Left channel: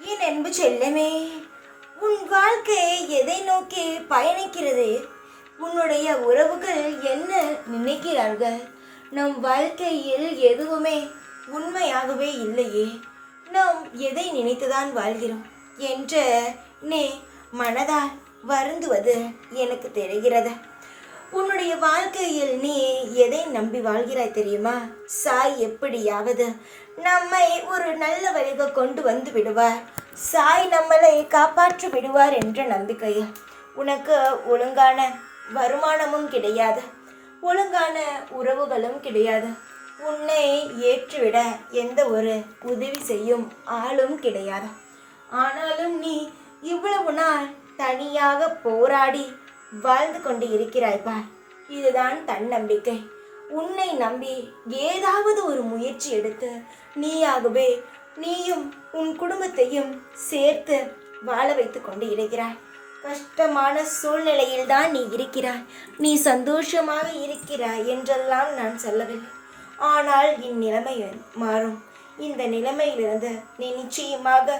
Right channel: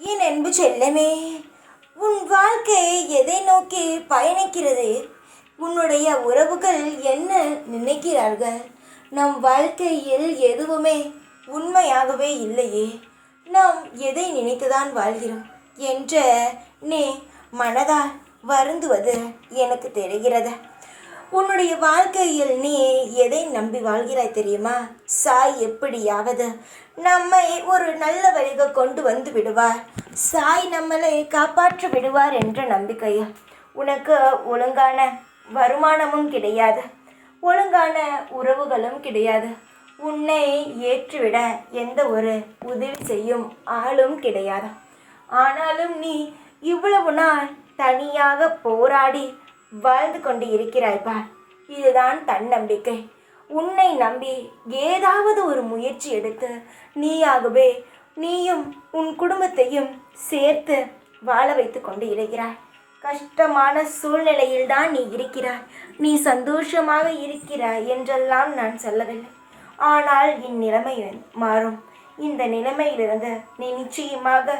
என் அன்பு செல்லமே, உன் வாழ்க்கை எதை நோக்கி பயணிக்கிறது? உன்னுடைய உறவுகள் என்ன நினைக்கிறார்கள்? நம் வாழ்க்கையில் எதுவுமே உண்மையாகவே இல்லையே. நாம் எதை நினைத்துதான் வாழ்கிறோம் என்ற நீ மனதால் வருந்துவது எனக்கு தெரிகிறது. உன்னுடைய வாழ்க்கையில் நீ எதை நம்பி வாழ்கிறாய் தெரியுமா? சாய் எப்படியாவது நம்மை ஒரு நல்ல வழிக்கு கொண்டு வந்து விடுவார், சாய் நம்மளை காப்பாற்றி விடுவார் என்ற நம்பிக்கையில் உனக்கு ஒழுங்கான வருமானமும் கிடையாது, ஒழுங்கான உறவுகளும் கிடையாது, உன்னை ஏற்றுவிட எந்த ஒரு உதவி செய்யும் ஆளும் கிடையாது. ஆனாலும் நீ இவ்வளவு நாள் தனியாக போராடி வாழ்ந்து கொண்டு இருக்கிறாய்ப்பா. இதுதான் தன்னம்பிக்கை. உன்னை நம்பி ஏதாவது ஒரு முயற்சி எடுத்து நீயும் உன் குடும்பத்தையும் சேர்த்து வாழ வைத்து கொண்டு இருக்கிறாய். கஷ்டமான சூழ்நிலையில் தான் நீ இருக்கிறாய். நீ சந்தோஷமாக இருக்கிறாய் என்றெல்லாம் நான் சொல்லவில்லை. ஆனால் இந்நிலைமை மாறும். இந்த நிலைமையிலிருந்து நீ நிச்சயமாக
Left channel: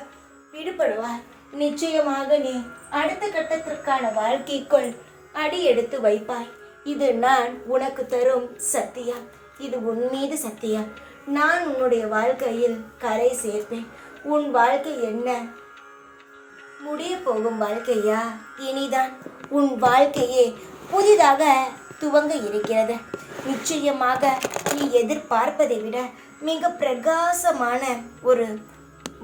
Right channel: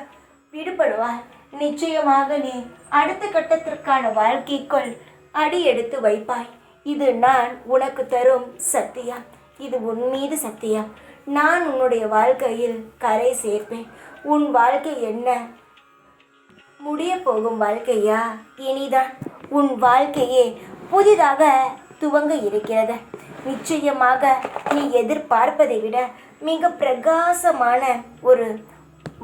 விடுபடுவாய். நிச்சயமாக நீ அடுத்த கட்டத்திற்கான வாழ்க்கைக்குள் அடி எடுத்து வைப்பாய். இது நான் உனக்கு தரும் சத்தியம். இது உன் மீது சத்தியம். நான் உன்னுடைய வாழ்க்கையில் கரை சேர்ப்பேன். உன் வாழ்க்கை என்ன முடிய போகும் வாழ்க்கையா? இனிதான் உன் வாழ்க்கையே புதிதாக துவங்க இருக்கிறது. நிச்சயமாக நீ எதிர்பார்ப்பதை விட மிக பிரகாசமான ஒரு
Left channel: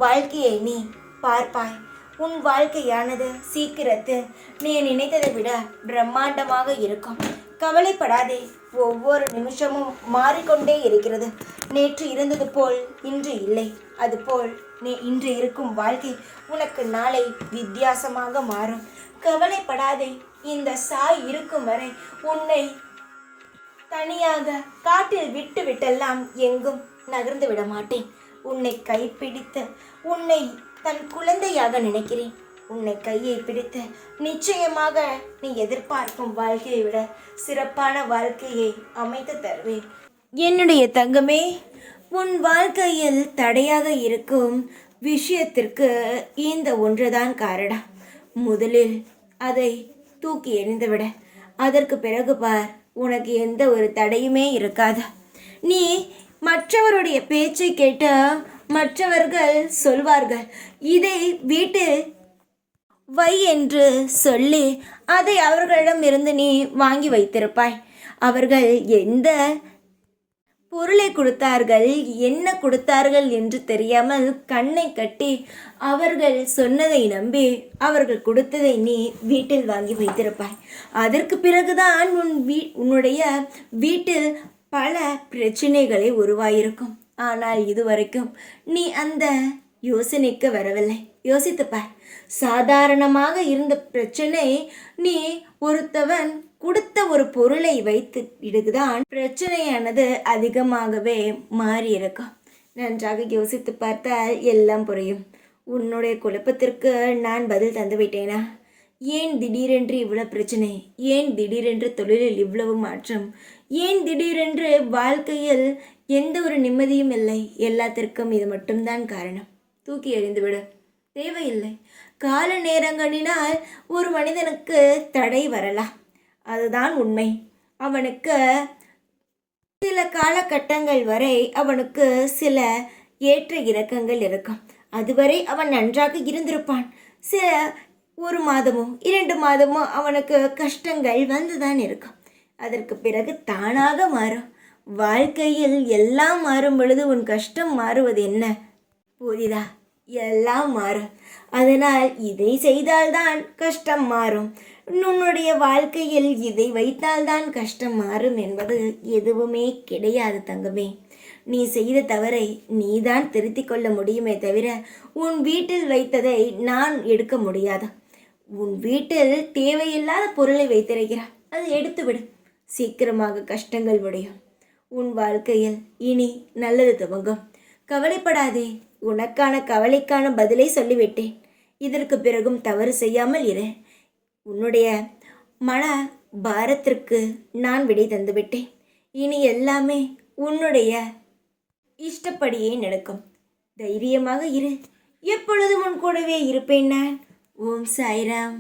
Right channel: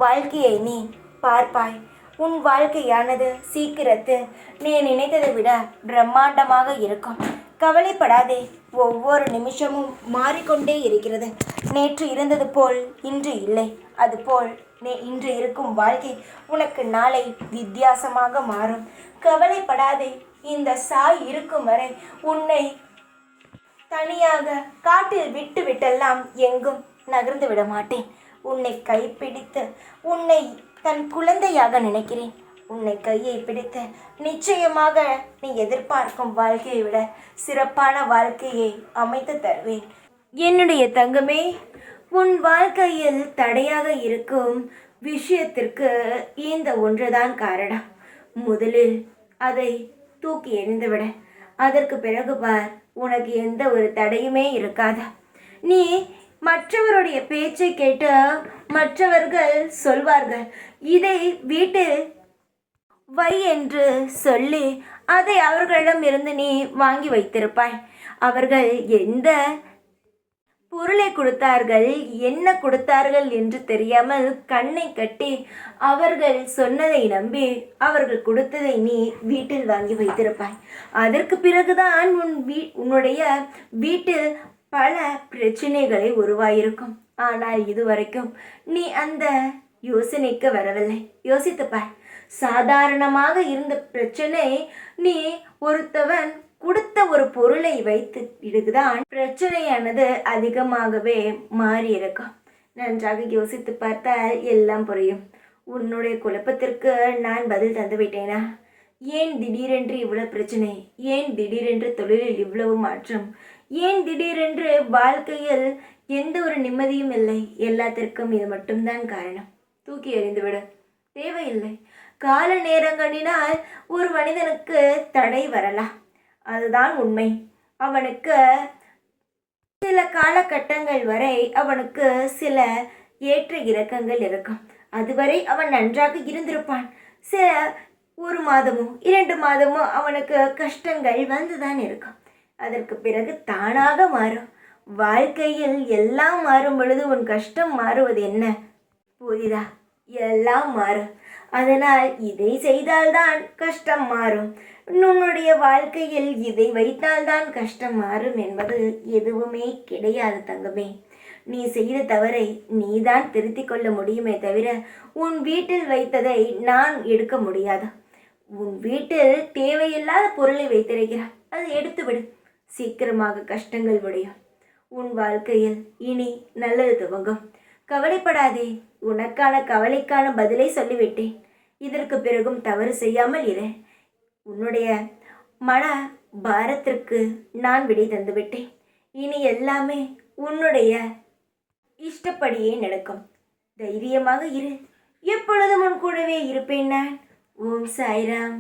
வாழ்க்கையை நீ பார்ப்பாய். உன் வாழ்க்கையானது சீக்கிரத்தில் நீ நினைத்ததை விட பிரம்மாண்டமாக இருக்கும். கவலைப்படாதே. ஒவ்வொரு நிமிஷமும் மாறிக்கொண்டே இருக்கிறது. நேற்று இருந்தது போல் இன்று இல்லை. அதுபோல் நீ இன்று இருக்கும் வாழ்க்கை உனக்கு நாளை வித்தியாசமாக மாறும். கவலைப்படாதே. இந்த சாய் இருக்கும் வரை உன்னை தனியாக காட்டில் விட்டு விட்டெல்லாம் எங்கும் நகர்ந்து விட மாட்டேன். உன்னை கைப்பிடித்து உன்னை தன் குழந்தையாக நினைக்கிறேன். உன்னை கையை பிடித்து நிச்சயமாக நீ எதிர்பார்க்கும் வாழ்க்கையை விட சிறப்பான வாழ்க்கையை அமைத்து தருவேன். என்னுடைய தங்கமே, உன் வாழ்க்கையில் தடையாக இருக்கும் விஷயத்திற்கு இந்த ஒன்றுதான் காரணம். முதலில் அதை தூக்கி எறிந்துவிட. அதற்கு பிறகு பார், உனக்கு எந்த ஒரு தடையுமே இருக்காது. நீ மற்றவருடைய பேச்சை கேட்டு மற்றவர்கள் சொல்வார்கள், இதை வீட்டில் வை என்று சொல்லி அதை அவர்களிடம் இருந்து நீ வாங்கி வைத்திருப்பாய். அவர்கள் எந்த பொருளை கொடுத்தார்கள், என்ன கொடுத்தார்கள் என்று தெரியாமல் கண்ணை கட்டி அவர்கள் சொன்னதை நம்பி அவர்கள் கொடுத்ததை நீ வீட்டில் வாங்கி வைத்திருப்பாய். அதற்கு பிறகுதான் உன்னுடைய வீட்டில் பல பிரச்சனைகளை உருவாயிருக்கும். ஆனால் இதுவரைக்கும் நீ அந்த யோசனைக்கு வரவில்லை. யோசித்துப்பார். சாதாரணமாக இருந்த பிரச்சனை நீ ஒருத்தவன் கொடுத்த ஒரு பொருளை வைத்து இடுதான் பிரச்சனையானது அதிகமாகவே மாறியிருக்கும். நன்றாக யோசித்து பார்த்தால் எல்லாம் புரியும். உன்னுடைய குழப்பத்திற்கு நான் பதில் தந்து விட்டேனா? ஏன் திடீரென்று இவ்வளவு பிரச்சனை? ஏன் திடீரென்று தொழிலில் இவ்வளவு மாற்றம்? ஏன் திடீரென்று வாழ்க்கையில் எந்த ஒரு நிம்மதியும் இல்லை? எல்லாத்திற்கும் இது மட்டும்தான் காரணம். தூக்கி எறிந்துவிடு. தேவையில்லை. கால நேரங்களினால் ஒரு மனிதனுக்கு தடை வரலாம், அதுதான் உண்மை. அவனுக்கு சில காலகட்டங்கள் வரை அவனுக்கு சில ஏற்ற இறக்கங்கள் இருக்கும். அதுவரை அவன் நன்றாக இருந்திருப்பான். சில 1 மாதமோ 2 மாதமோ அவனுக்கு கஷ்டங்கள் வந்துதான் இருக்கும். அதற்கு பிறகு தானாக மாறும். வாழ்க்கையில் எல்லாம் மாறும் பொழுது உன் கஷ்டம் மாறுவது என்ன? புரியுதா? எல்லாம் மாறும். அதனால் இதை செய்தால்தான் கஷ்டம் மாறும், உன்னுடைய வாழ்க்கையில் இதை வைத்தால்தான் கஷ்டம் மாறும் என்பது எதுவுமே கிடையாது தங்கமே. நீ செய்த தவறை நீதான் திருத்திக் கொள்ள முடியுமே தவிர உன் வீட்டில் வைத்ததை நான் எடுக்க முடியாது. உன் வீட்டில் தேவையில்லாத பொருளை வைத்திருக்கிறாய், அதை எடுத்துவிடு. சீக்கிரமாக கஷ்டங்கள் முடியும். உன் வாழ்க்கையில் இனி நல்லது துவங்கும். கவலைப்படாதே. உனக்கான கவலைக்கான பதிலை சொல்லிவிட்டேன். இதற்கு பிறகும் தவறு செய்யாமல் இரு. உன்னுடைய மன பாரத்திற்கு நான் விடை தந்துவிட்டேன். இனி எல்லாமே உன்னுடைய இஷ்டப்படியே நடக்கும். தைரியமாக இரு. எப்பொழுதும் உன் கூட கூடவே இருப்பேன் நான். ஓம் சாய்ராம்.